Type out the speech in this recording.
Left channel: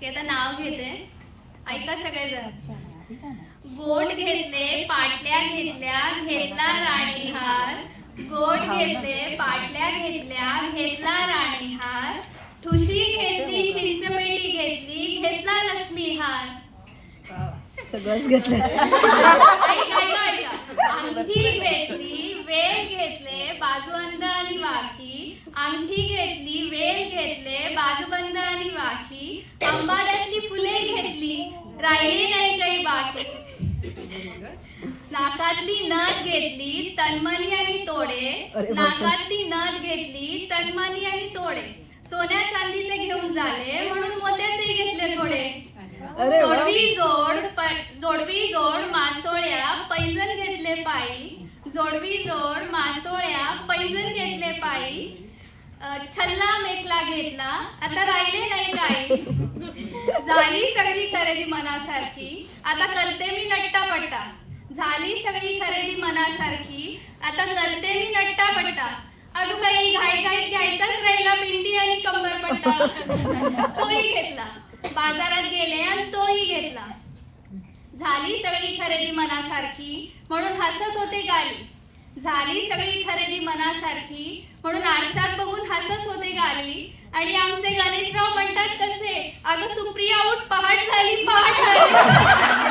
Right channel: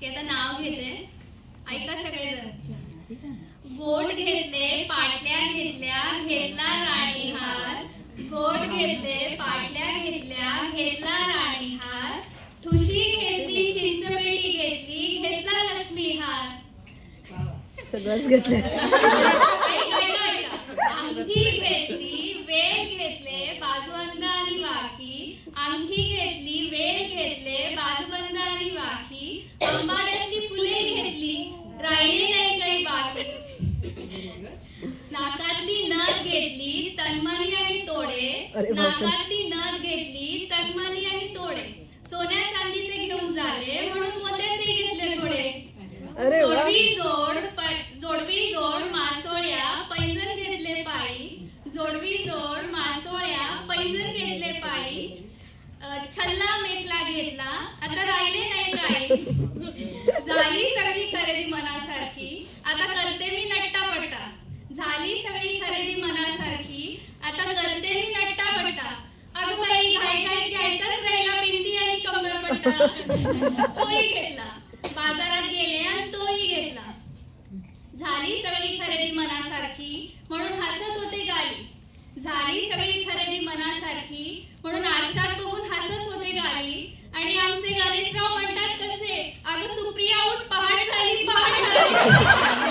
की आता नाव घेते, ऐका सगळेजण. गोट घेतले पाटल्या घेतल्या घेतला राणीहार, गोट घेतले पाटल्या घेतल्या घेतला राणीहार, ठुशी घेतली चिंचपेटी घेतली घेतला लक्ष्मीहार. सगळंच घेतलं. ऐका ऐका ऐका. अंगठी घेतली वेल घेतले बाजूबंद आणि वाखी, अंगठी घेतली वेल घेतले बाजूबंद आणि वाखी, अंबाड्यातली फुले घेतली राहिली नाही काही बाकी. नाकातली नथ घेतली तन्मनी आणि तोडे, नाकातली नथ घेतली तन्मनी आणि तोडे, सोन्या चांदीचे घेऊन झाले म्हणून मोत्याचेही घेतले थोडे. जोडवी जोड मासोळ्या पैंजण घेतले पायी, जोडवी जोड मासोळ्या पैंजण घेतले पायी, छल्ला मेखला घेतला आता राहिले नाही काही. झाली सगळी खरेदी मनासारखी आता करते मी नट्टापट्टा, झाली सगळी खरेदी मनासारखी आता करते मी नट्टापट्टा. अगं बाई घाई घाईत घ्यायचाच राहिला बिंदी आणि कंबरपट्टा, तोही घेतला. बाजारात गेले आणि तोही घेतला. झाली सगळी खरेदी मनासारखी म्हणून हसत होते गाली, झाली सगळी खरेदी मनासारखी म्हणून आरशात बघून हसत होते गाली. आणि आमचे गणेशराव म्हणतात कसे, अगं सुप्रिया उठ पहाट झाली पहाट झाली.